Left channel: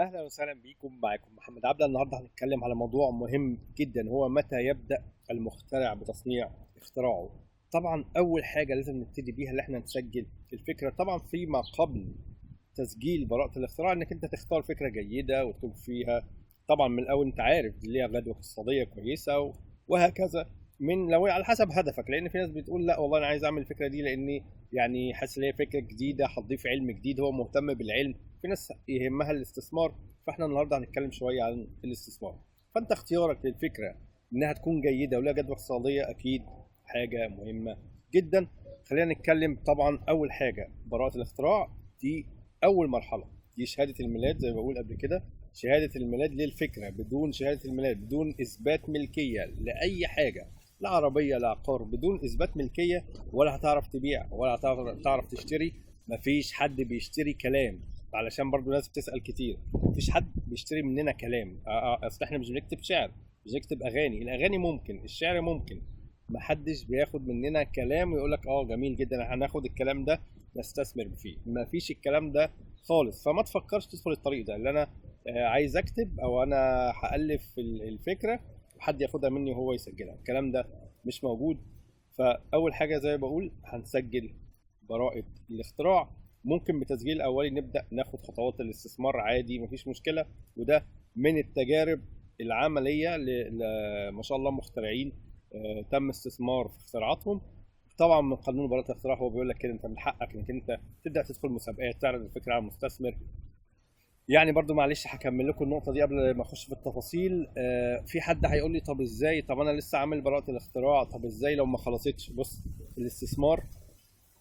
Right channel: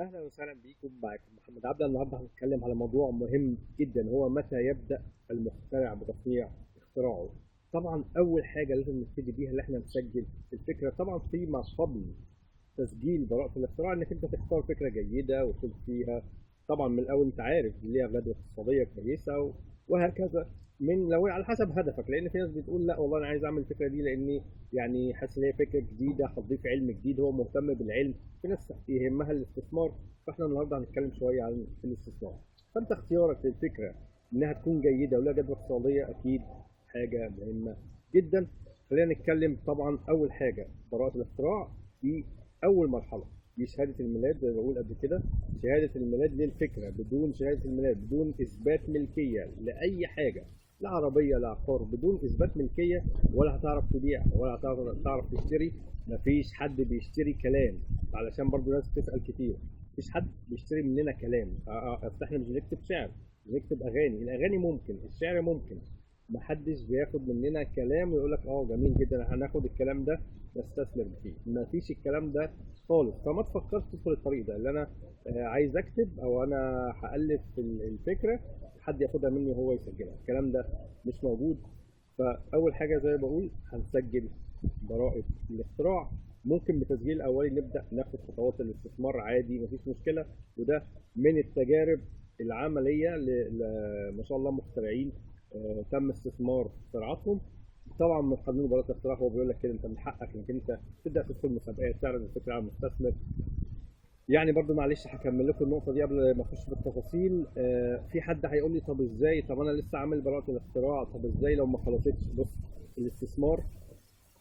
اهلا وسهلا بيكم. معاكم محمد عبده. النهارده هنتكلم على موضوع مهم جدا، هو متى يبدا المخترع بتصنيع اختراعه. طبعا اول حاجه لازم نبتدي بيها اللي احنا نسجل الفكره. طبعا فيما قبل تسجيل براءه الاختراع انك انت تختار فكره جيده وتكون فيها طبعا من الاول انت عارف دي ليها جدوى اقتصاديه كويسه وهكذا. من لو على حسب هدفك، لان في ناس بتقول لا والله انا عايز اعمل الفكره دي لاني يعني حاسس ان هي فكره جديده هتضيف علم جديد، هو مهتم بالعلم. في ناس يهمها الاستثمار، فاحنا النهارده هنتكلم شويه عن الاستثمار. فانت اختيارك للفكره انها تكون جيده ولها جدوى اقتصاديه اكيد حاجه مهمه جدا. خلينا نتكلم. طبعا اول حاجه براءه الاختراع دي اول مرحله، دي شهاده الميلاد زي ما بقول قبل كده. شهاده الميلاد للفكره، بدون شهاده الميلاد بدون اثبات ملكيه لاي حاجه، لا عربيه لا عقار، بدون اثبات ملكيه ولا هتعرف تبيع ولا هتعرف تشتري. مفيش حد بيشتري كلام، علشان برضو ناس بتسال كتير. مفيش حد بيشتري مننا كلام. اصل احنا مش بنكتب شعر، مش بنكتب اغاني. الاغاني ممكن، الشعر ممكن. محدش بياخد مننا كلام ويقول لك اه جميل جدا هناخد الكلام ده نستثمر فيه. مفيش الكلام ده خالص. فما تفكرش تدخل الطريق ده اللي انا عايز اكتب او انا هالف الفكره وحد ياخدها مني وهو يسجلها. الكلام ده مش موجود. فاول حاجه زي ما بقول هنسجل براءه الاختراع. ممكن بتسجيل الاولي نبدا ناخد خطوات الاستثمار عادي، مفيش مشكله. وده من التجارب العمليه ما شاء الله مخترعين تم استثمار في اختراعاتهم. طبعا من قانون براءه الاختراع هو بيقول لك كده انت من حقك انك انت تبدا تدخل مسابقات تعرض الفكره على المستثمر. يعني برضو معلش هكمل لكم النقطة دي قبل ما اخش في التفاصيل. في حد هيقول لي طب ازاي، طب انا لسه عامل براءة الاختراع، طب ازاي لو ما خلصتش؟ بص، الاستثمار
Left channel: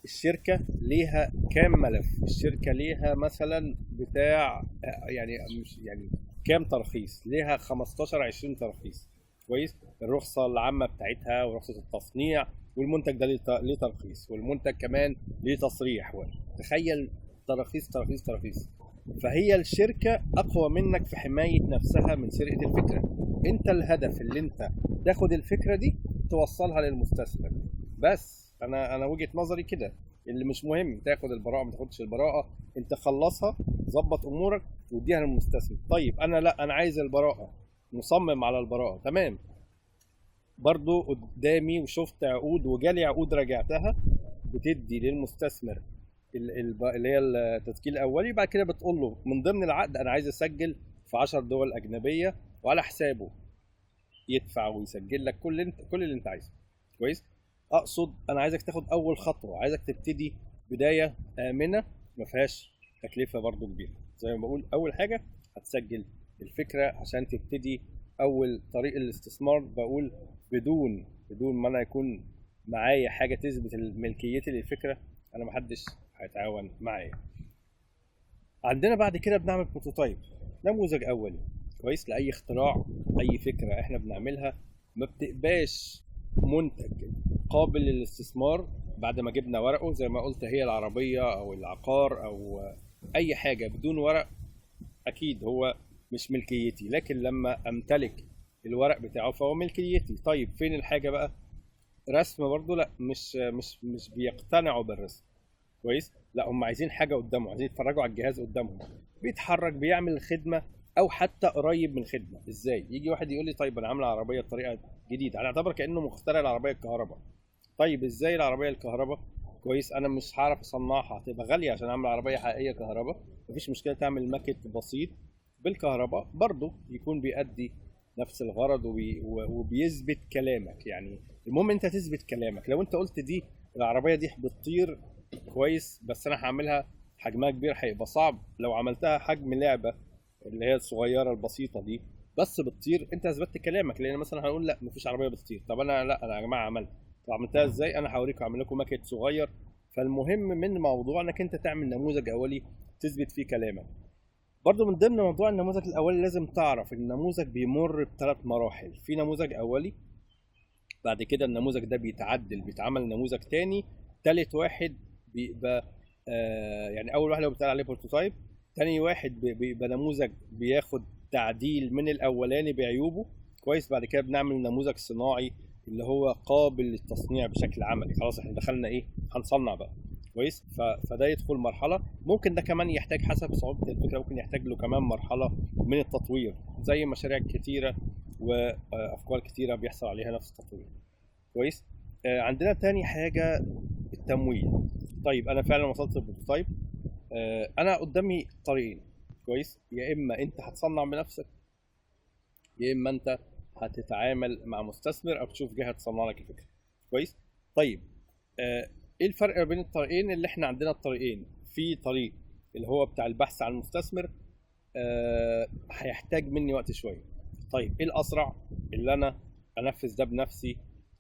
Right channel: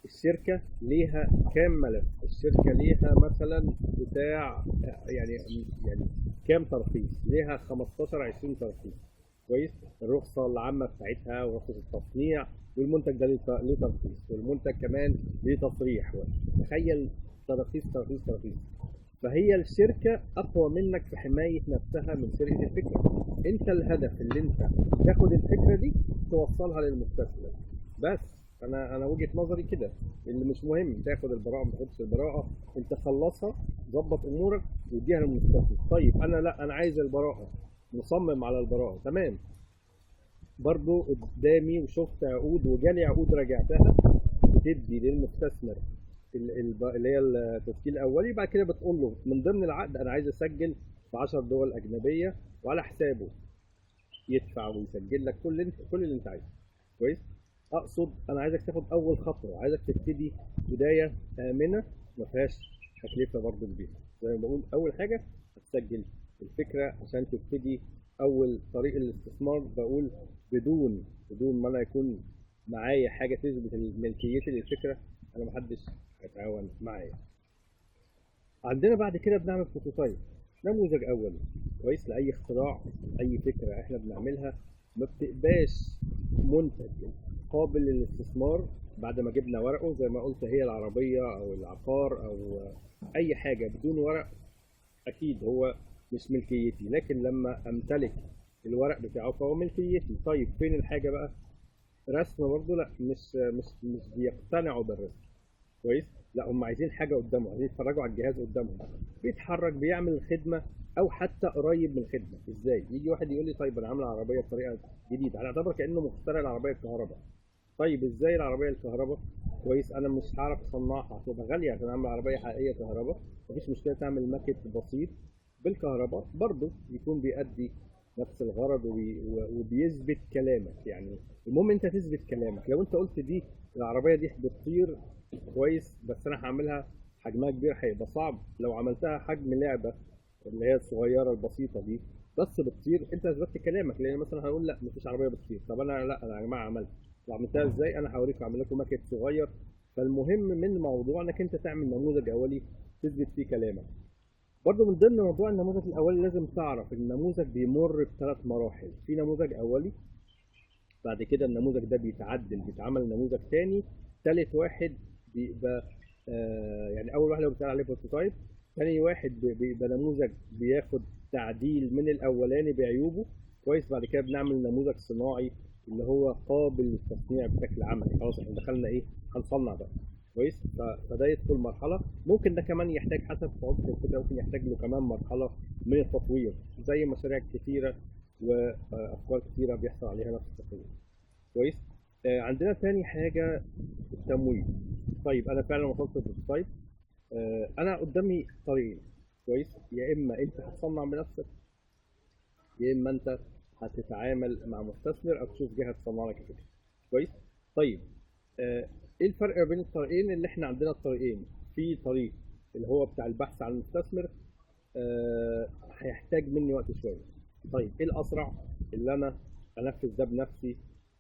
الشركة ليها كام ملف؟ الشركة ليها مثلا بتاع يعني مش يعني كام ترخيص؟ ليها 15 20 ترخيص. كويس. الرخصة العامة بتاعتها ورخصة التصنيع، والمنتج ده ليه ترخيص، والمنتج كمان ليه تصريح. تخيل، تراخيص تراخيص تراخيص. فهي الشركة أقوى منك في حماية نفسها من سرقة الفكرة. أنت الهدف اللي أنت تاخد الفكرة دي توصلها للمستثمر. بس أنا وجهة نظري كده. اللي مش مهم تاخد البراءة ما تاخدش البراءة، أنت خلصها ظبط أمورك واديها للمستثمر. طيب أنا لا، أنا عايز البراءة، مصمم على البراءة، تمام. برضو قدامي وشفت عقود وجالي عقود راجعتها بتدي للمستثمر اللي هي التسجيل الاولي. بعد كده بتقول له من ضمن العقد انا عايز اسجل في 10 دول اجنبيه، وعلى حسابه يدفع ويسجل لك كل اللي انت عايزه. كويس. اقصد انا عايزك تاخد اول خطوه، عايزك تبتدي بدايه امنه ما فيهاش تكلفه برضو كبيره. زي ما بقول اول حاجه هتسجل الفكره عشان تبتدي اول طريق الاستثمار. بقول بدون ما انا يكون معايا حاجه تثبت ملكيتي للفكره انا محدش هيتعاون معايا. عندنا بعد كده بنعمل بروتوتايب، نموذج اولي. كويس. لاي اختراع، اي فكره احنا بنعملها ما بتبقاش منتج قابل للاستثمار بعد ما جبنا ورقه. زي ما قلت، هي العربيه او العقار او اي حاجه بدون ورق اكيد هو مش ملكيتي، لكن لما امتلك الورق بتاعه فهو ملكيتي. طيب فين الحاجه بقى؟ رسم برضو لا، مش بيقتنعوا بالرسم. كويس. لا، هم عايزين حاجه قدامهم، عايزين يتفرجوا على الجهاز قدامهم بيتحرك بيعمل الخدمه او حتى قريب من الخدمه. ازاي يجي واحد يقول لي طيب انا عامل عربيه بطريقه جديده، انا اعتبر كانه مخترع العربيه الكهرباء. طيب ازاي العربيه الكهرباء؟ كويس. انا مش هعرف اصنعها، هتبقى غاليه عشان اعمل عربيه حقيقيه كهرباء. مفيش مشكله تعمل ماكيت بسيط بالكهرباء برضه يكون بيأدي نفس الغرض وبيثبت كلامك. يعني المهم انت تثبت كلامك. لو انت قلت دي العربيه دي بتطير، كويس، بس انا هعملها حجمها كبير هيبقى صعب. لو عملتها حجم لعبه اللي هي الصغيره البسيطه دي بس بتطير، انت اثبتت كلامك. لان مثلا هنقول لا مفيش عربيه بتطير، طب انا لا، انا يا جماعه عملت. طب عملتها ازاي؟ انا هوريكم، اعمل لكم ماكيت صغير. فالمهم من موضوع انك انت تعمل نموذج اولي تثبت فيه كلامك. برضو من ضمن موضوع النموذج الاولي لازم تعرف النموذج بيمر بثلاث مراحل. في نموذج اولي، بعد كده النموذج ده بيتعدل بيتعمل نموذج تاني، تالت واحد بيبقى يعني اول واحد اللي بيتقال عليه بروتوتايب، تاني واحد بيبقى نموذج بياخد تعديل من الاولاني بعيوبه. كويس. بعد كده بنعمل نموذج صناعي اللي هو قابل للتصنيع بشكل عملي. خلاص احنا دخلنا ايه، هنصنع بقى. كويس. فده يدخل مرحله، ممكن ده كمان يحتاج حسب صعوبه الفكره، ممكن يحتاج له كمان مرحله من التطوير، زي مشاريع كتيره وافكار كتيره بيحصل عليها نفس التطوير. كويس. عندنا تاني حاجه التمويل. طيب انا فعلا وصلت للبروتوتايب، انا قدامي طريقين. كويس. يا اما انت هتصنع بنفسك، يا اما انت هتتعامل مع مستثمر او تشوف جهه تصنع لك الفكره. كويس. طيب ايه الفرق ما بين الطريقين؟ اللي احنا عندنا الطريقين، في طريق اللي هو بتاع البحث عن المستثمر، هيحتاج مني وقت شويه. طيب ايه الاسرع؟ اللي انا انفذ ده بنفسي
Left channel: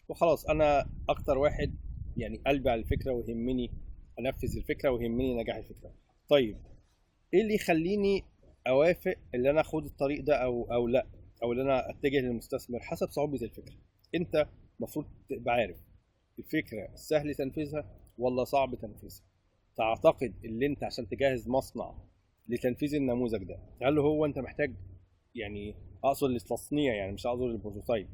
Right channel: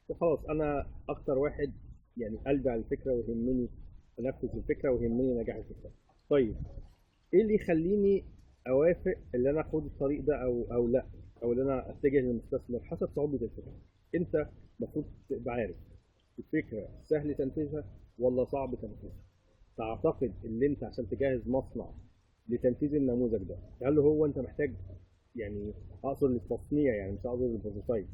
وخلاص. انا اكتر واحد يعني قلبي على الفكره ويهمني انفذ الفكره ويهمني نجاح الفكره. طيب ايه اللي يخليني اوافق اللي انا اخد الطريق ده او لا، او اللي انا اتجه للمستثمر؟ حسب صعوبه الفكره. انت المفروض تبقى عارف الفكره سهل تنفيذها ولا صعب تنفيذها. تعتقد اللي انت عشان تجهز مصنع لتنفيذ النموذج ده، هل هو انت محتاج، يعني اقصد للتصنيع يعني مش اقصد للبروتوتايب،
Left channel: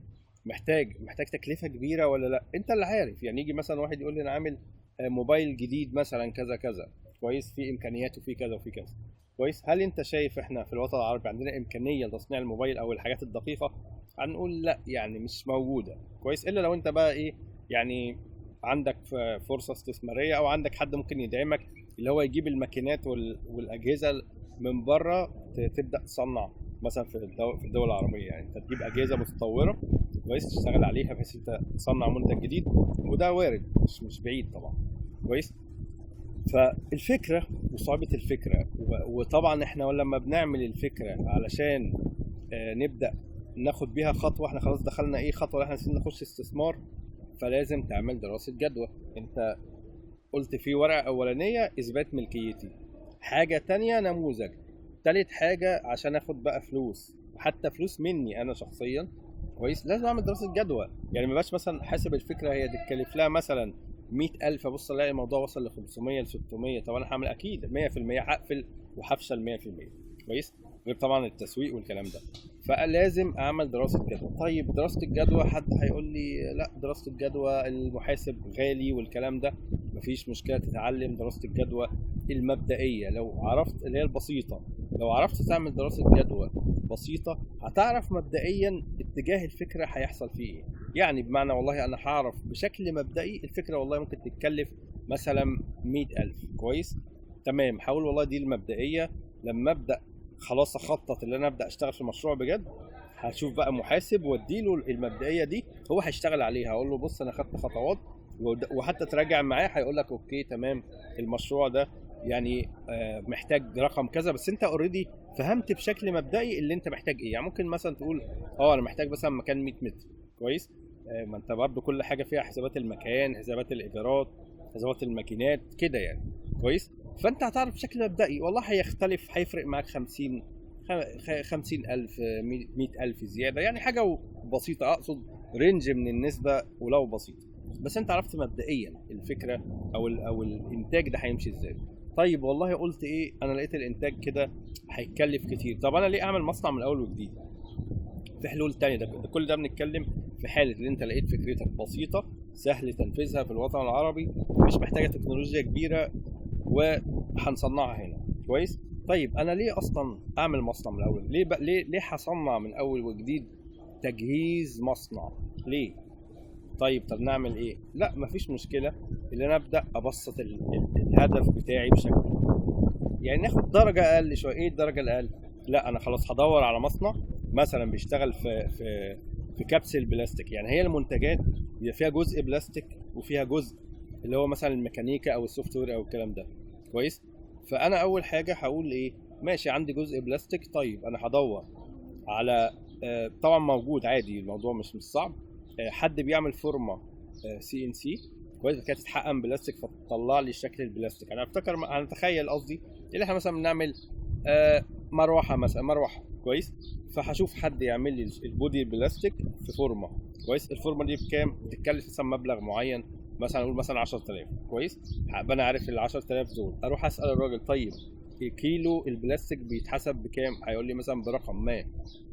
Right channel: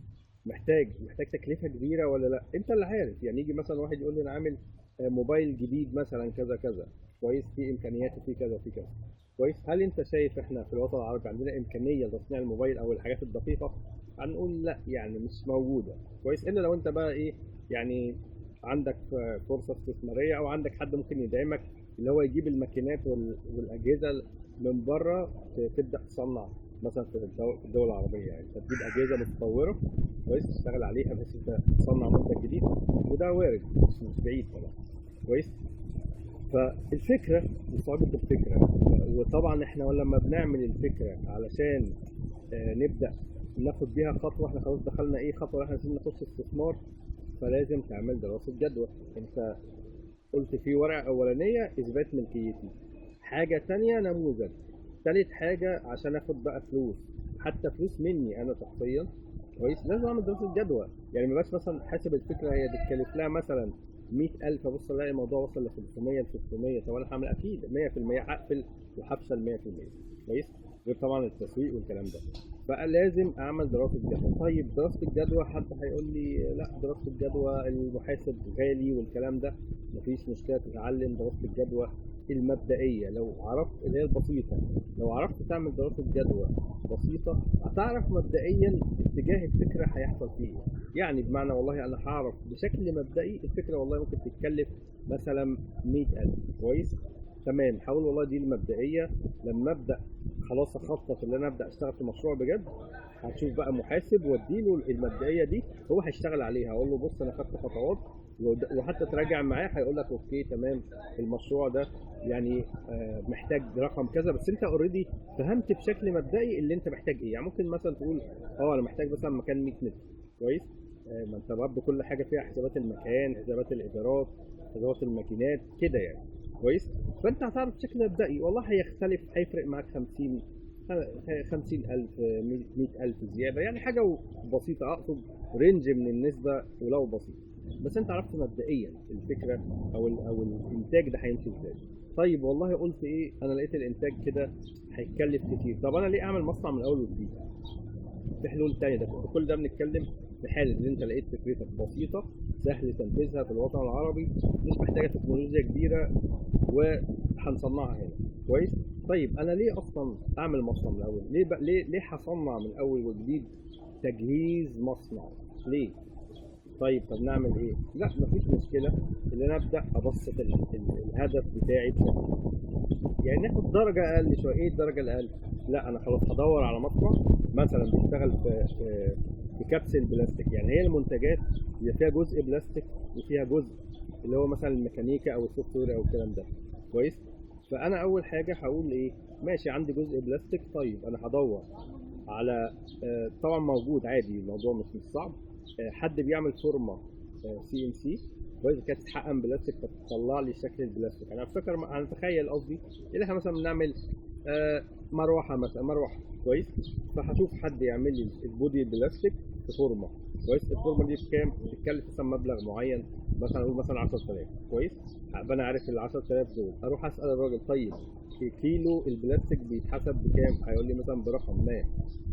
محتاج تكلفه كبيره ولا لا؟ انت اللي عارف. يعني يجي مثلا واحد يقول لي انا عامل موبايل جديد مثلا كذا كذا، كويس، في امكانياته في كذا وفي كذا. كويس. هل انت شايف احنا في الوطن العربي عندنا امكانيه لتصنيع الموبايل او الحاجات الدقيقه؟ هنقول لا، يعني مش موجوده. كويس. الا لو انت بقى ايه، يعني عندك فرصه استثماريه او عندك حد ممكن يدعمك، اللي هو يجيب الماكينات والاجهزه من بره، تبدا تصنع مثلا في الدول العربيه. يعني انت تجيب اجهزه متطوره كويس تشتغل عليها بحيث انت تصنع منتج جديد، وده وارد، مش بعيد طبعا. كويس. فالفكره وصعوبه الفكره، وطبعا احنا لما بنعمل الفكره علشان نبدا ناخد بيها خطوه، احنا خلاص دخلنا ايه خطوه، احنا عايزين نخش استثمار، فلازم تعمل دراسه جدوى. انت قلت في ورقه اولانيه اثبات ملكيتي، حاجه تانية نموذج، تالت حاجه عشان اخد بقى فلوس، حتى فلوس مني انا شخصيا. كويس. لازم اعمل دراسه جدوى. يعني ما بقاش مثلا حاسب الفكره هي تتكلف لها مثلا 100,000، ابص الاقي الموضوع وصل ل 500 ل 600. طب انا هعمل اكيد 100% هقفل وهفشل 100%. كويس. غير طبعا التسويق والكلام ده. فلازم اعمل دراسه جدوى. طيب دراسه الجدوى، حد هيقول لي لا دراسه الجدوى المحاسب غالي والكلام ده. مفيش مشكله، تتعلم دراسه الجدوى المبدئيه لو عرفت، اللي هي البسيطه. لو عرفت تعمل دراسه جدوى بسيطه هتعرف مبدئيا اتجاه الفكره هيحصل فيه ايه. يعني بمعنى والله انا هعرف بشكل مبدئي الفكره والله ممكن تتكلف مثلا 100,000. كويس. تمام. حاول والله دي المبدئيه. لما ابدا خلاص اخطط اللي انا ابدا اشتغل في المشروع بجد، هشوف بقى محاسب واديله المبدئيه دي، هو هيشتغل عليها. هقول له بص انا خدت خطوات، وحتى تراجع معاه هيقول لك اوكي تمام المشروع ده يعني محتاج رقم كذا، بس انت اوريدي فهمت بشكل مبدئي اللي انت محتاج ايه. يعني ممكن مثلا تقول انا محتاج مثلا مكان 100 متر. كويس. ما انت برضه كل حاجه فيها حسابات المكان، حسابات الايجارات، حسابات الماكينات كده يعني. كويس. فانت هتعرف بشكل مبدئي. والله هيختلف، هيفرق معاك 50,000 100,000 زياده، يعني حاجه بسيطه، اقصد رينج من النسبه ولو بسيط، بس انت عرفت مبدئيا الفكره او الانتاج ده هيمشي ازاي. طيب والله قلت ايه، انا لقيت الانتاج كده هيتكلف كتير، طب انا ليه اعمل مصنع من اول وجديد؟ في حلول تانية. ده كل ده بنتكلم في حالة ان انت لقيت فكرتك بسيطة سهل تنفيذها في الوطن العربي، مش محتاجة تكنولوجيا كبيرة، وهنصنعها هنا. كويس. طيب انا ليه اصلا اعمل مصنع من الاول؟ ليه هصنع من اول وجديد تجهيز مصنع؟ ليه؟ طب نعمل ايه؟ لا مفيش مشكلة، اللي انا ابدا ابسط الهدف بتاعي بشكل، يعني ناخد درجة اقل شوية. ايه الدرجة الاقل؟ لا انا خلاص هدور على مصنع مثلا بيشتغل في كبسة بلاستيك. يعني هي المنتجات اللي فيها جزء بلاستيك وفيها جزء اللي هو مثلا الميكانيكا او السوفت وير او الكلام ده. كويس. فانا اول حاجة هقول ايه، ماشي عندي جزء بلاستيك، طيب انا هدور على طبعا موجود عادي، الموضوع مش صعب، حد بيعمل فورمه CNC كويس كانت تتحقن بلاستيك فتطلع لي شكل البلاستيك. انا افتكر، انا اتخيل قصدي اللي احنا مثلا بنعمل مروحه مثلا، مروحه كويس، فهشوف حد يعمل لي البودي البلاستيك في فورمه. كويس. الفورمه دي بكام؟ بتتكلف مثلا مبلغ معين، مثلا اقول مثلا 10,000. كويس. هبقى انا عارف ال 10,000 دول، اروح اسال الراجل طيب كيلو البلاستيك بيتحسب بكام؟ هيقول لي مثلا برقم ما.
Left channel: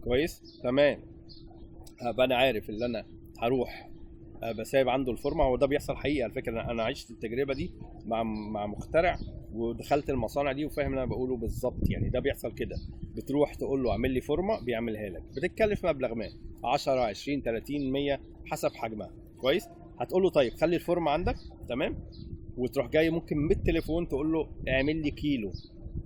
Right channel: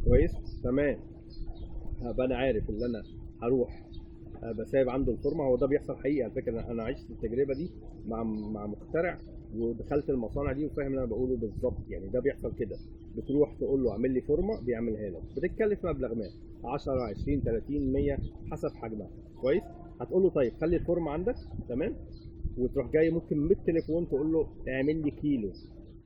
كويس. تمام. هبقى انا عارف اللي انا هروح بسايب عنده الفورمه. هو ده بيحصل حقيقي على فكره، انا عشت التجربه دي مع مخترع، ودخلت المصانع دي وفاهم اللي انا بقوله بالظبط. يعني ده بيحصل كده، بتروح تقول له اعمل لي فورمه بيعملها لك، بتتكلف مبلغ ما 10 20 30 100 حسب حجمها. كويس. هتقول له طيب خلي الفورمه عندك تمام، وتروح جاي ممكن بالتليفون تقول له اعمل لي كيلو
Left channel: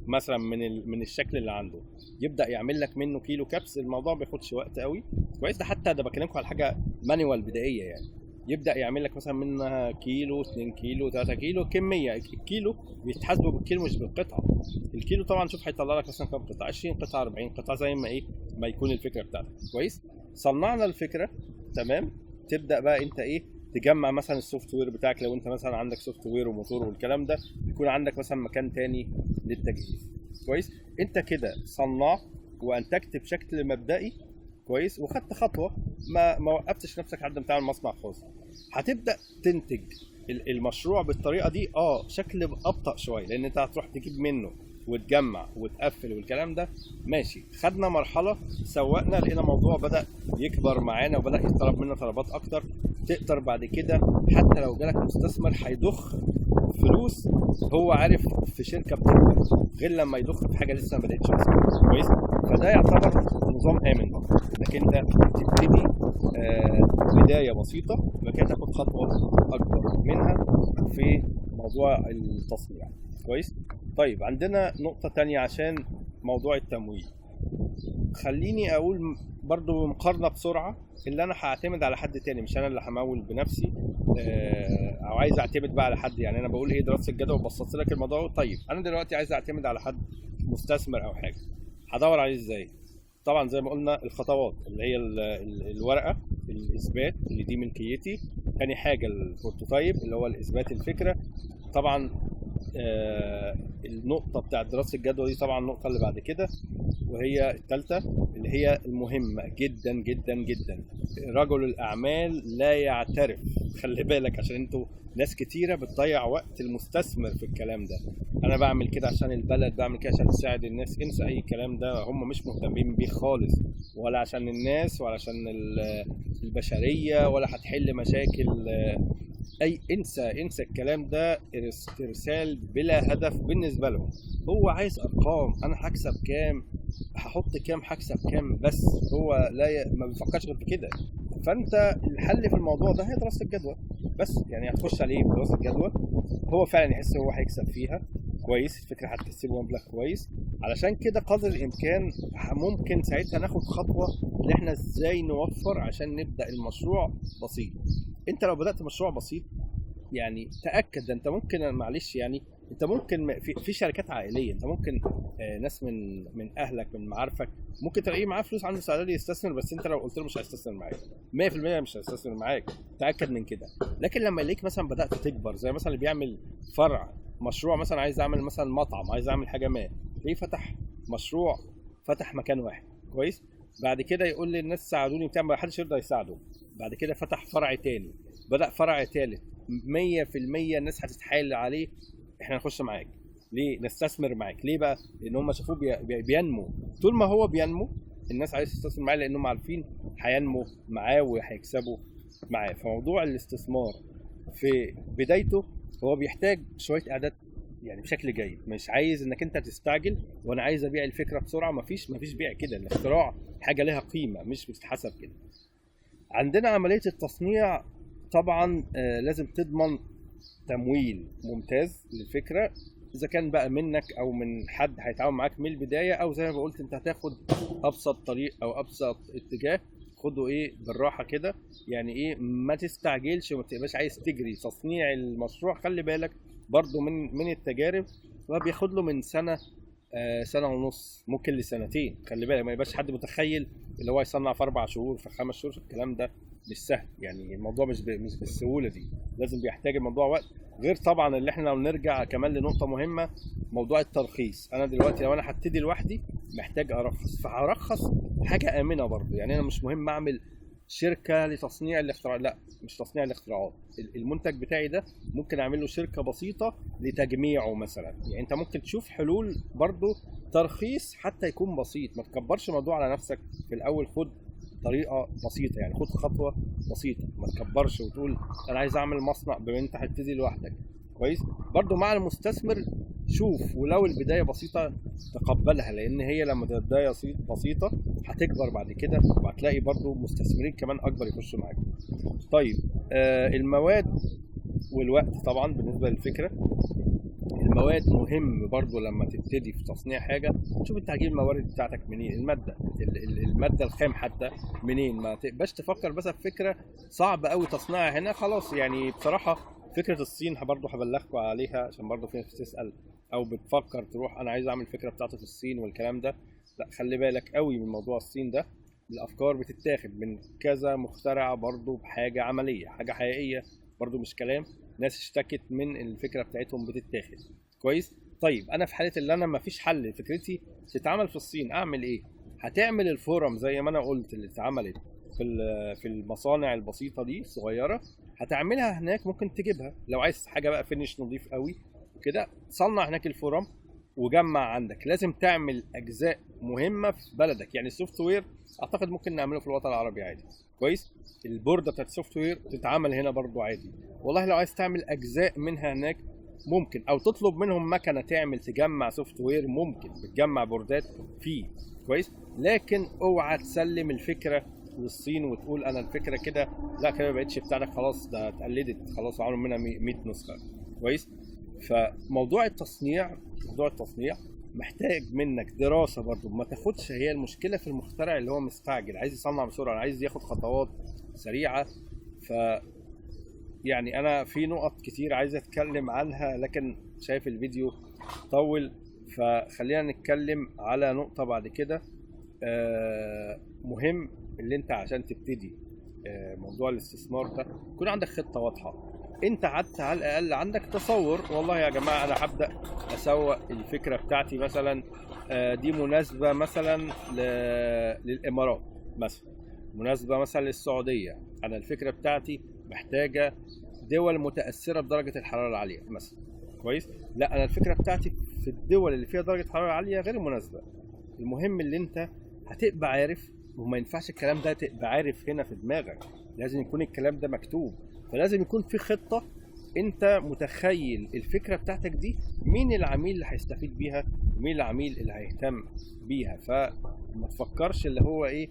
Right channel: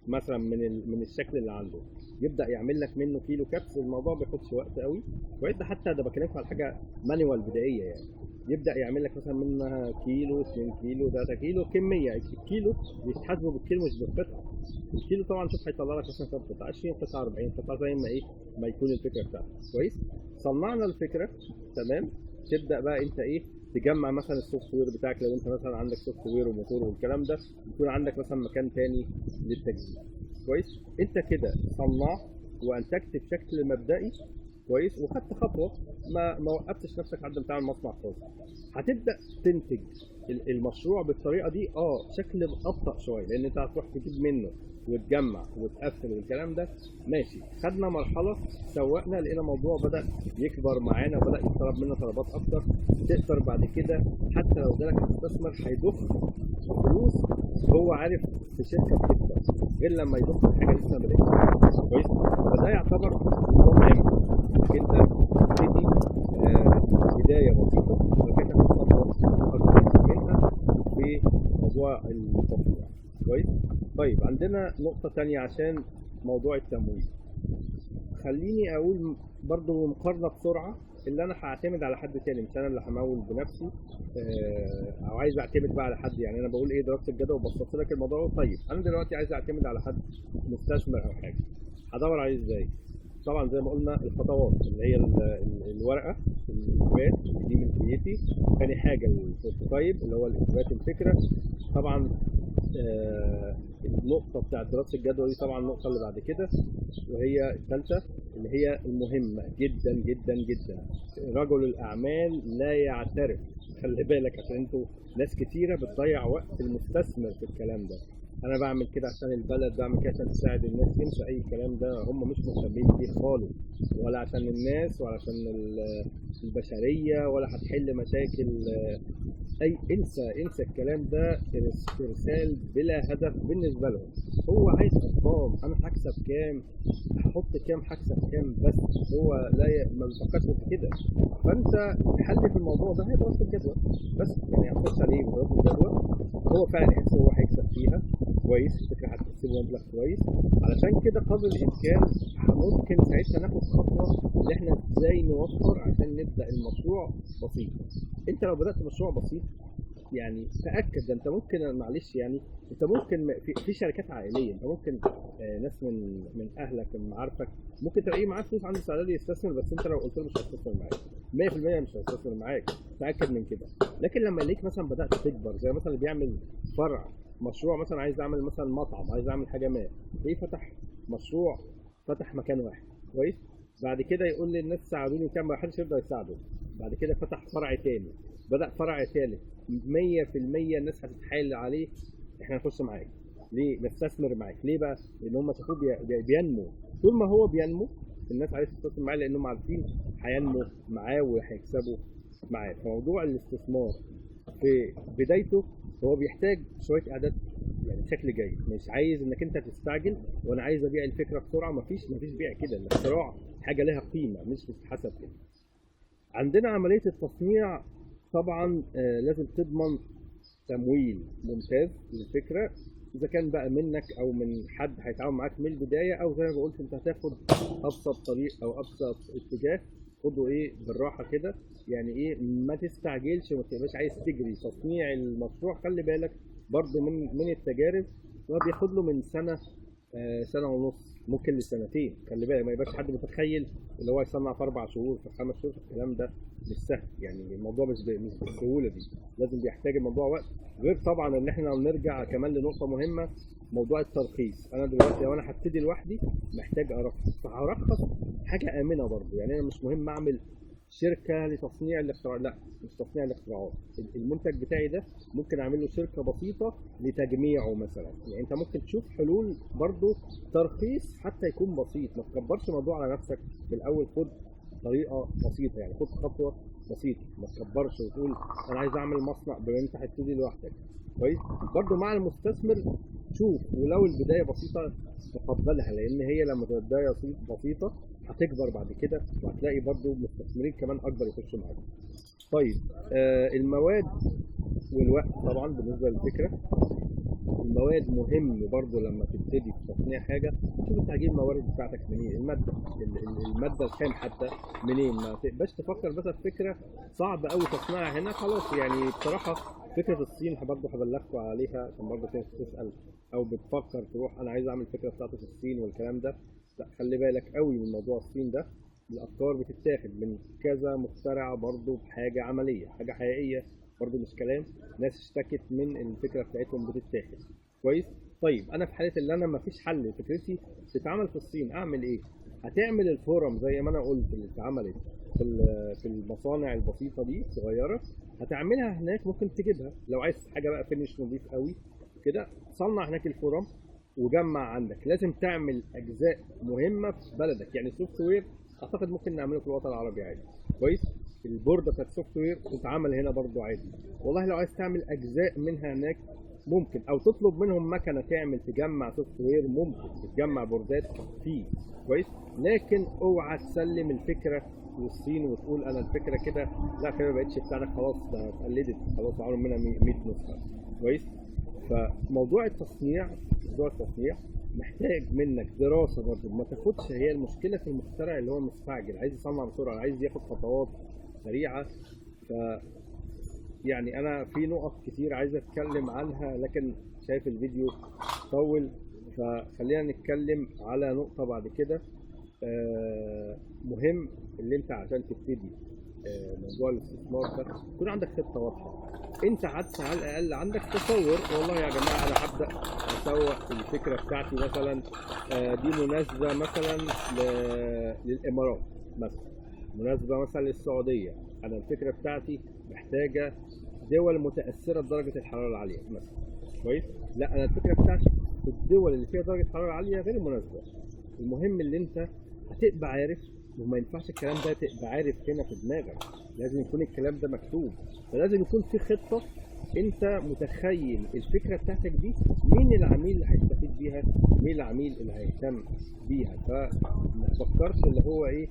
مثلا من الشكل اللي عنده، يبدا يعمل لك منه كيلو كبس. الموضوع ما بياخدش وقت قوي. كويس. ده حتى ده بكلمكم على حاجه مانيوال بدائيه يعني. يبدا يعمل لك مثلا منها كيلو 2 كيلو 3 كيلو كميه. الكيلو بيتحاسبوا بالكيلو مش بالقطعه. الكيلو طبعا شوف هيطلع لك مثلا كام قطعه، 20 قطعه 40 قطعه زي ما ما يكون الفكره بتاعتك. كويس. صنعنا الفكره تمام. تبدا بقى انت تجمع مثلا السوفت وير بتاعك. لو انت مثلا عندك سوفت وير وموتور والكلام ده، يكون عندك مثلا مكان تاني للتجهيز. كويس. انت كده صنعت وانتجت بشكل مبدئي. كويس. وخدت خطوه، ما وقفتش نفسك لحد ما تعمل مصنع خاص. هتبدا تنتج المشروع بالطريقه دي شكل ابطا شويه، لان انت هتروح تجيب منه وتجمع وتقفل والكلام ده. ماشي. خدنا مرحله، سوقنا، لقينا الموضوع بدا يكبر معانا وبدا يطلب منا طلبات اكتر. تقدر بعد كده حتى لو جالك مستثمر هيضخ فلوس، هو عارف في شركه بتكبر، غير لما يضخ في حاجه لسه ما بداتش اصلا. كويس. فده يعتبر نظام امن، انك انت تبتدي بدايه بسيطه وبعد كده تاخد خطوه اكبر منها في موضوع التصنيع. كويس. طيب عندنا نقطه تانية عشان موضوع التمويل. خليني اقول برضو مقارنه بسرعه، اللي انا هعتمد على حد تاني، مش انا اللي همول بنفسي او عايز اعتمد بقى على حد. يعني انا بقول دراسه الجدوى وبسطت لك الموضوع. طيب انا دلوقتي عايز اعتمد على حد مستثمر او حاجه، هدور عليه ازاي؟ طبعا زي ما قلنا الخطوات اللي هي الورقه، الاثبات اللي دي ملكيتي. تاني حاجه البروتوتايب اللي هو الاثبات الفكره. طبعا النقطه بتاعت دراسه الجدوى دي طبعا النقطه اللي بعد كده، وهي الثالثه اللي هي المهمه جدا جدا جدا. رجل الاعمال لا يعترف. خلي بالك، عشان انتوا ناس كتيره بتضيع وقت المستثمر في الكلام ده. انا بعمل كده عشان البلد، بعمل كده عشان تساعد الناس. انسى اي كلام ده، هم مش مهتمين بيه خالص، ولا عشان الناس ولا عشان البشريه، ولا هتحل مشاكل انسى الكلام ده. ارسال بلا هدف بالنسبه لهم. هو عايز ارقام، انا هكسب كام، هحط كام، هكسب كام، بس هو ما بيفكرش غير في كده. فانت الحل في الموضوع ده هي دراسه الجدوى بس. يعني هتخش عليه في دراسه الجدوى، هو فعلا يحس هو هيكسب فيها. كويس. الفكره هتكسبه مبلغ كويس. علشان كده قدر الامكان ممكن ساعتها ناخد خطوه اللي احنا ازاي نوفر عشان نبدا المشروع بسيط. انت لو بدات مشروع بسيط يعني تاكد، ده انت ممكن معلش يعني انت ممكن في شركات عائليه، انت ممكن ناس من اهلك من معارفك ممكن تلاقيه معاه فلوس عنده استعداد يستثمر، بس انت لو قلت له مش هيستثمر معاك 100% مش هيستثمر معاك، تاكد من كده. لكن لما يلاقيك مثلا بدات تكبر، زي مثلا اللي بيعمل فرع مشروع، مثلا عايز اعمل مثلا مطعم، عايز اعمل حاجه ما، تلاقيه فتح مشروع، فتح مكان واحد. كويس. بعد كده يقول للناس ساعدوني بتاع، ما حدش يرضى يساعده. بعد كده فتح فرع تاني، بدأ فرع تالت، 100% الناس هتتحايل عليه احنا نخش معاك. ليه؟ نستثمر معاك. ليه بقى؟ لان هم شافوه بينمو. طول ما هو بينمو الناس عايزه تستثمر معاه، لانهم عارفين هينمو معاه وهيكسبوا معاه. فموضوع الاستثمار في بدايته هو بيحتاج شويه اعداد يعني بشكل جيد. مش عايز انك انت تستعجل وانا عايز ابيع الفكره بسرعه. مفيش بيع كده. الاختراع حاجه لها قيمه، مش بتتحسب كده. عندنا عمليه التصنيع طبعا لازم تضمن تمويل ممتاز للفكره، اذا كان بقى منك او من حد هيتعاون معاك من البدايه، او زي ما قلت انت هتاخد ابسط طريق او ابسط اتجاه. خده بالراحه كده. يعني ما تستعجلش وما تبقاش عايز تجري. تصنيع المشروع خلي بالك برضو من التجارب، ما بياخد له من سنه سنه ونص، ممكن لسنتين. خلي بالك ما يبقاش حد متخيل اللي هو يصنع في 4 شهور في 5 شهور. الكلام ده مش سهل، يعني الموضوع مش بالسهوله دي. لازم بيحتاج الموضوع وقت. غير طبعا اللي احنا لو نرجع كمان لنقطه مهمه، موضوع الترخيص. انا دلوقتي لو انا هبتدي لوحدي محتاج ارخص، فهرخص حاجه امنه برضه. يعني انا مش مهم اعمل شركه لتصنيع الاختراع، لا مش تصنيع الاختراعات. المنتج بتاعي ده ممكن اعمل له شركه بسيطه لتجميعه مثلا. يعني انت ممكن تشوف حلول برضه ترخيص حتى يكون بسيط. ما تكبرش الموضوع على نفسك في الاول. خد طريقه بسيطه، يعني خد خطوه بسيطه، ما تكبرش وتقول انا عايز اعمل مصنع بما انت هتبتدي لوحدك. كويس. برضو مع المستثمر شوف، ولو البدايه بسيطه تقبلها، لان هي لما تبقى بدايه بسيطه هتكبر بعد كده، وهتلاقي برضو مستثمرين كمان اكبر يخشوا معاك. طيب المواد والوقت طبعا بالنسبه للفكره. المواد مهم برضو لما تبتدي في تصنيع حاجه، شوف انت هتجيب الموارد بتاعتك منين، الماده الماده الخام حتى منين. ما تبقاش تفكر بس في فكره صعب قوي تصنيعها هنا خلاص. يعني بصراحه فكره الصين برضو هبلغكم عليها، عشان برضو في ناس بتسال او بتفكر تروح انا عايز اعمل الفكره بتاعتي في الصين والكلام ده. لا، خلي بالك قوي من موضوع الصين ده. الافكار بتتاخد من كذا مخترع برضو بحاجه عمليه، حاجه حقيقيه برضو مش كلام. ناس اشتكت من الفكره بتاعتهم بتتاخد. كويس. طيب انا في حاله اللي انا مفيش حل فكرتي تتعمل في الصين، اعمل ايه؟ هتعمل الفورم زي ما انا قلت اللي اتعملت في المصانع البسيطه دي الصغيره، هتعملها هناك. ممكن تجيبها لو عايز حاجه بقى فينش نظيف قوي كده، صنع هناك الفورم وجمع عندك. لازم تعمل اجزاء مهمه في بلدك، يعني السوفت وير اعتقد ممكن نعمله في الوطن العربي عادي. كويس. البورده بتاعت السوفت وير تتعمل هنا برضو عادي. والله لو عايز تعمل اجزاء منها هناك ممكن، او تطلب منهم مكنه تعمل تجمع سوفت وير، ممكن بتجمع بوردات فيه. كويس. لكن اوعى تسلم الفكره للصين وتقول انا الفكره كده، لا كده ما بقتش بتاعتك خلاص، ده اتقلدت خلاص وعملوا منها 100 نسخه. كويس. فموضوع التصنيع، محتاج منك دراسه برضو. ما تاخدش، هي المشكله في المخترع اللي هو مستعجل عايز يصنع بسرعه، عايز ياخد خطوات سريعه. ف يعني انا في نقط كتير عايز اتكلم عنها، لكن شايف الفيديو طول، فخلينا نتكلم على نقطة بعد كده. مهم اللي انت عشان تبتدي موضوع الاستثمار ده يكون عندك خطة واضحة. انت حتى على الاقل عندك تصور، والله يا جماعة انا هبدأ اسوق الفكرة بتاعتي مثلا، دي مناسبة مثلا للامارات، مثلا مناسبة مثلا للسعودية. انا الفكرة بتاعتي محتاجة دول متأثرة بدرجة الحرارة العالية مثلا. كويس. لا، انا الفكرة بتاعتي في الدول اللي فيها درجة حرارة عالية غير مناسبة. المهم اللي انت هتبقى عارف، وما ينفعش الكلام ده تبقى عارف هنا في دماغك، لازم يكون الكلام ده مكتوب. فلازم يكون في خطة، انت متخيل الفكرة بتاعتك دي مين العميل اللي هيستفيد بيها، مين العميل اللي هيهتم بيها. فما تفكرش اللي هو ايه،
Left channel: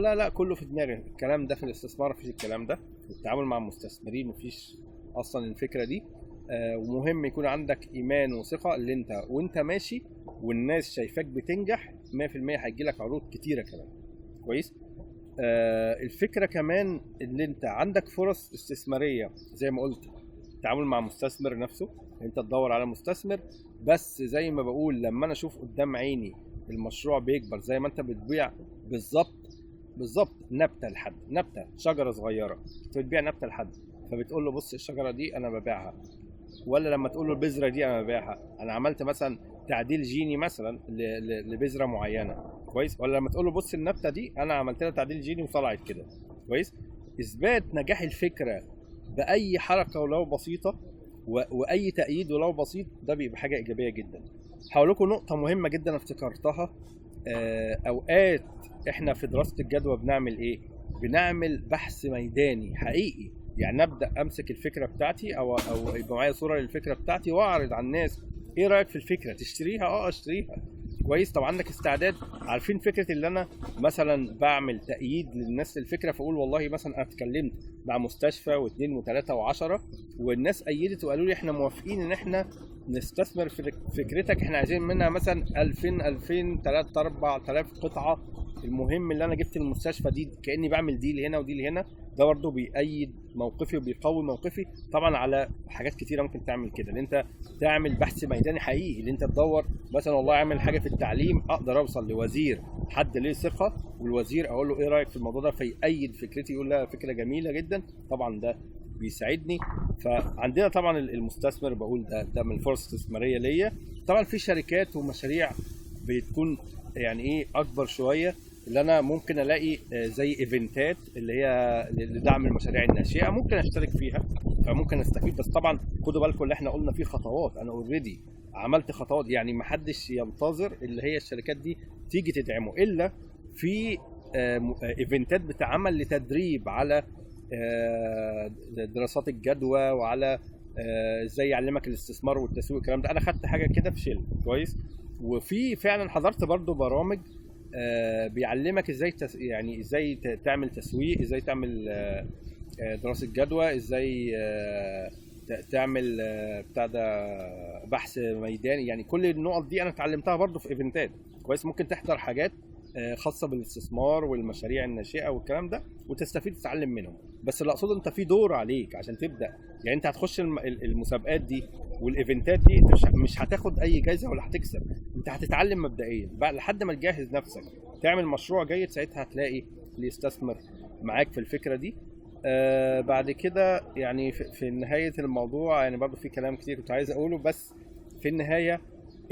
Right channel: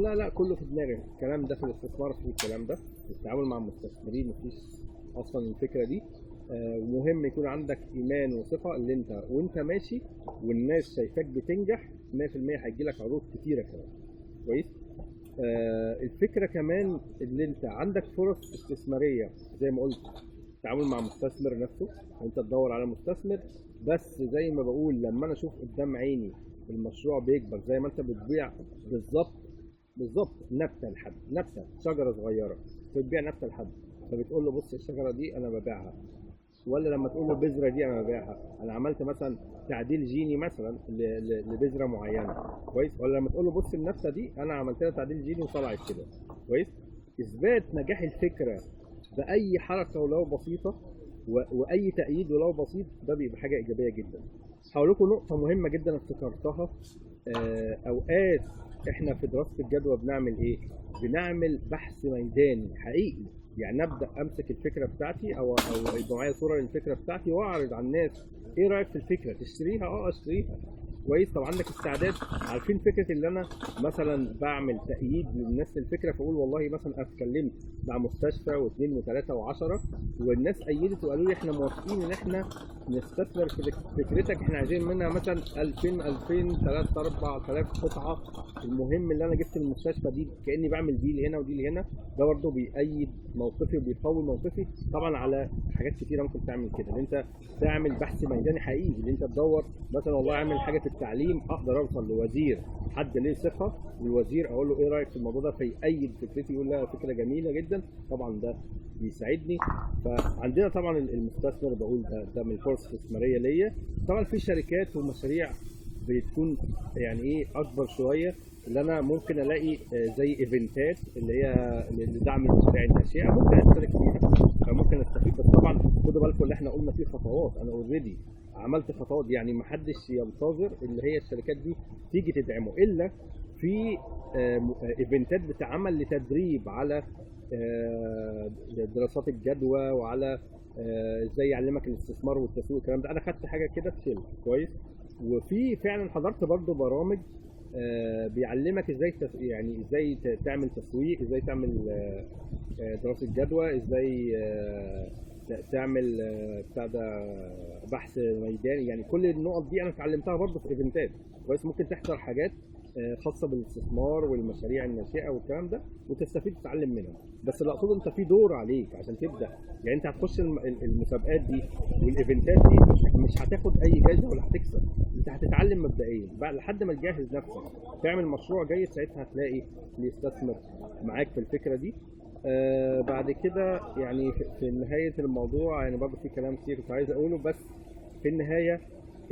لا كله في دماغي. الكلام ده في الاستثمار مفيش، الكلام ده في التعامل مع المستثمرين مفيش اصلا الفكرة دي. ومهم يكون عندك ايمان وثقة اللي انت وانت ماشي والناس شايفاك بتنجح 100% هيجيلك عروض كتيرة كمان. كويس. الفكرة كمان اللي انت عندك فرص استثمارية زي ما قلت، التعامل مع مستثمر نفسه، انت تدور على مستثمر. بس زي ما بقول، لما انا اشوف قدام عيني المشروع بيكبر زي ما انت بتبيع بالظبط نبتة لحد نبتة، شجرة صغيرة انت بتبيع نبتة لحد، فبتقول له بص الشجرة دي انا ببيعها. ولا لما تقول له البذرة دي انا ببيعها، انا عملت مثلا تعديل جيني مثلا لبذرة معينة. كويس. ولا لما تقول له بص النبتة دي انا عملت لها تعديل جيني وطلعت كده. كويس. اثبات نجاح الفكرة باي حركة ولو بسيطة واي تأييد ولو بسيط، ده بيبقى حاجة ايجابية جدا. هقول لكم نقطة مهمة جدا افتكرتها. اوقات احنا في دراسة الجدوى بنعمل ايه؟ بنعمل بحث ميداني حقيقي. يعني ابدا امسك الفكره بتاعتي او يبقى معايا صوره للفكره بتاعتي واعرض على الناس، ايه رايك في الفكره؟ تشتريها؟ اشتريها. كويس. طب عندك استعداد؟ عارفين فكره اللي انا مثلا بعمل تأييد للناس للفكره، فاقول والله مثلا انا اتكلمت مع مستشفى واثنين وثلاثه وعشرة والناس ايدت وقالوا لي احنا موافقين ان احنا نستثمر في فكرتك، احنا عايزين منها مثلا 2000 3 4000 قطعه. المهم اللي انا جبت المستشفى دي كاني بعمل ديل هنا وديل هنا، ده برضه بيأيد موقفي وبيقوي موقفي. طبعا على حاجات كتيره ممكن تعمل كده، ان انت تعمل بحث ميداني حقيقي، اللي انت تدور مثلا والله اعمل حاجه في التعليم اقدر اوصل لوزير حد ليه ثقه، والوزير اقول له ايه رايك في الموضوع ده، فيأيد فكرتي، يقول لا فكره جميله جدا. طبعا ده بيساعدني. فعندنا طبعا المستثمر بقول ده من الفرص الاستثماريه ليا. طبعا في شركات ومشاريع بتكون يعني ايه اكبر شويه، اللي انا ممكن الاقي زي ايفنتات اللي هي لدعم المشاريع الناشئه، ممكن اشترك فيها فممكن استفيد. بس طبعا خدوا بالكم اللي احنا قلنا فيه خطوات، انا اوريدي عملت خطوات. يعني ما حدش ينتظر اللي هي الشركات دي تيجي تدعمه الا في ايفنتات بتعمل لتدريب على دراسات الجدوى، وعلى ازاي يعلمك الاستثمار والتسويق والكلام ده. انا خدت حاجه كده في شيل كويس. وفي فعلا حضرت برضو برامج بيعلمك ازاي يعني ازاي تعمل تسويق، ازاي تعمل دراسه جدوى، ازاي تعمل بتاع ده بحث ميداني. يعني كل النقط دي انا اتعلمتها برضو في ايفنتات كويس. ممكن تحضر حاجات خاصه بالاستثمار والمشاريع الناشئه والكلام ده وتستفيد تتعلم منهم. بس اللي اقصده انت في دور عليك عشان تبدا. يعني انت هتخش المسابقات دي والايفنتات دي، مش هتاخد اي جايزه ولا هتكسب، انت هتتعلم مبدئيا بقى لحد ما تجهز نفسك تعمل مشروع جيد. ساعتها هتلاقي اللي يستثمر معاك في الفكره دي. بعد كده يعني في نهايه الموضوع، يعني برضو في كلام كتير كنت عايز اقوله، بس في النهايه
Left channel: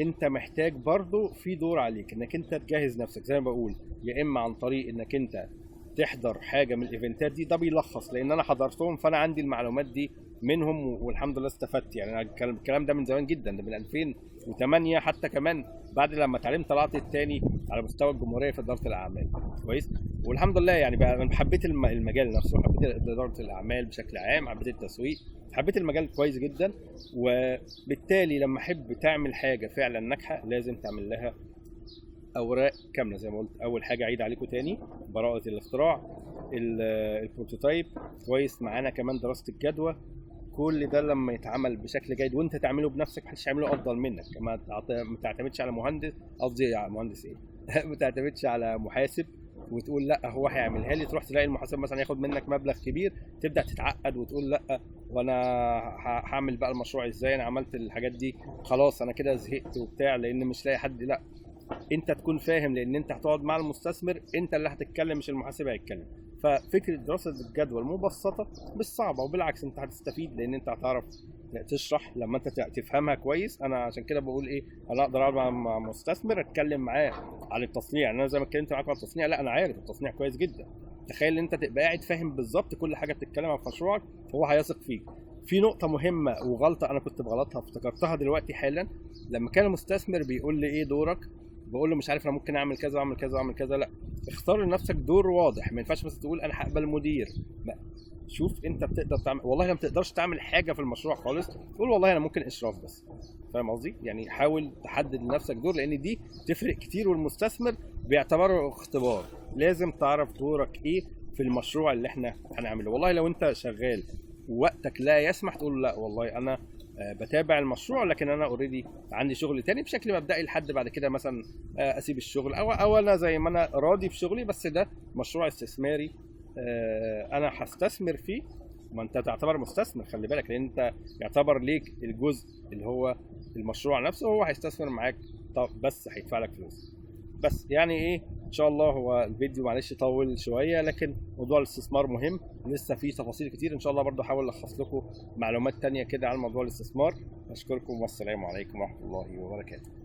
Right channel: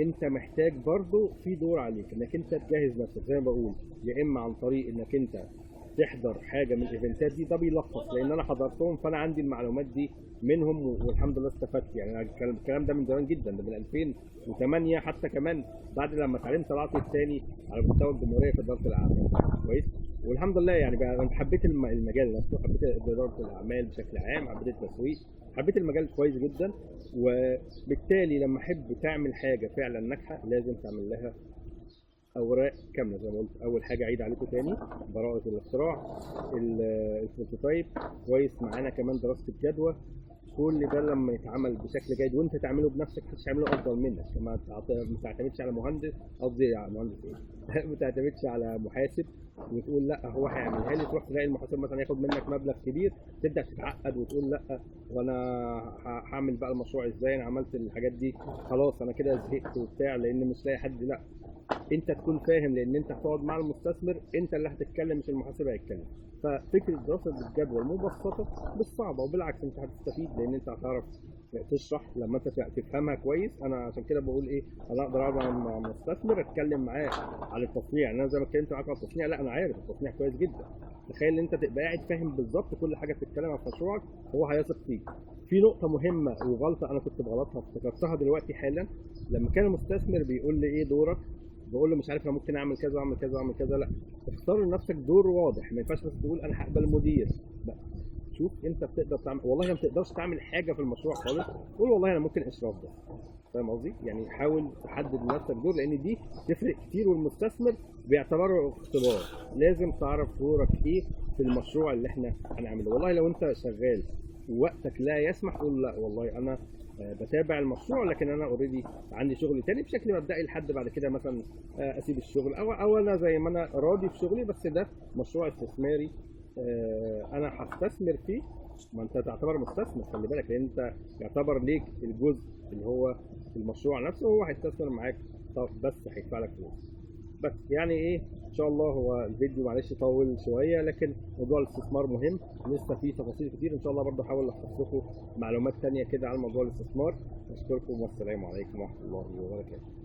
انت محتاج برضو في دور عليك انك انت تجهز نفسك زي ما بقول، يا اما عن طريق انك انت تحضر حاجه من الايفنتات دي. ده بيلخص لان انا حضرتهم فانا عندي المعلومات دي منهم والحمد لله استفدت. يعني انا الكلام ده من زمان جدا، ده من 2008 حتى كمان بعد لما اتعلمت طلعت التاني على مستوى الجمهوريه في اداره الاعمال كويس. والحمد لله يعني بقى انا حبيت المجال نفسه، حبيت اداره الاعمال بشكل عام، حبيت التسويق، حبيت المجال كويس جدا. وبالتالي لما احب تعمل حاجه فعلا ناجحه لازم تعمل لها اوراق كامله زي ما قلت. اول حاجه عيد عليكم تاني براءه الاختراع، البروتوتايب كويس، معانا كمان دراسه الجدوى. كل ده لما يتعمل بشكل جيد وانت تعمله بنفسك محدش يعمله افضل منك. ما تعتمدش على مهندس، قصدي على مهندس ايه ما تعتمدش على محاسب وتقول لا هو هيعملها لي، تروح تلاقي المحاسب مثلا ياخد منك مبلغ كبير تبدا تتعقد وتقول لا وانا هعمل بقى المشروع ازاي، انا عملت الحاجات دي خلاص انا كده زهقت وبتاع لان مش لاقي حد. لا، انت تكون فاهم لان انت هتقعد مع المستثمر، انت اللي هتتكلم مش المحاسب هيتكلم. ففكره دراسه الجدوى المبسطه مش صعبه، وبالعكس انت هتستفيد لان انت هتعرف تشرح لما انت تفهمها كويس. انا عشان كده بقول ايه، انا اقدر اقعد مع مستثمر اتكلم معاه على التصنيع. انا زي ما اتكلمت معاك على التصنيع، لا انا عارف التصنيع كويس جدا. تخيل ان انت تبقى قاعد فاهم بالظبط كل حاجه بتتكلم عن مشروعك، هو هيثق فيك. في نقطه مهمه وغلطه انا كنت بغلطها افتكرتها دلوقتي حالا، لما كان المستثمر بيقول لي ايه دورك، بقول له مش عارف انا ممكن اعمل كذا واعمل كذا واعمل كذا. لا، اختار لنفسك دور واضح. ما ينفعش بس تقول انا هقبل مدير. لا، شوف انت بتقدر تعمل. والله لما تقدرش تعمل حاجه في المشروع خالص قول والله انا ممكن اشراف بس. فاهم قصدي؟ يعني حاول تحدد لنفسك دور لان دي تفرق كتير، والمستثمر بيعتبره اختبار. لازم تعرف دورك ايه في المشروع اللي احنا هنعمله. والله لو انت شغال ووقتك لا يسمح تقول لا والله انا بتابع المشروع لكن انا اوريدي عندي شغل تاني بشكل مبدئي لحد بعد كده مثلا اسيب الشغل او انا زي ما انا راضي في شغلي بس ده مشروع استثماري انا هستثمر فيه. ما انت تعتبر مستثمر خلي بالك، لان انت يعتبر ليك الجزء اللي هو المشروع نفسه، هو هيستثمر معاك بس هيدفع لك فلوس بس. يعني ايه ان شاء الله. هو الفيديو معلش طول شويه لكن موضوع الاستثمار مهم، لسه فيه تفاصيل كتير ان شاء الله. برضه هحاول الخص لكم معلومات تانية كده عن موضوع الاستثمار. اشكركم والسلام عليكم ورحمه الله وبركاته.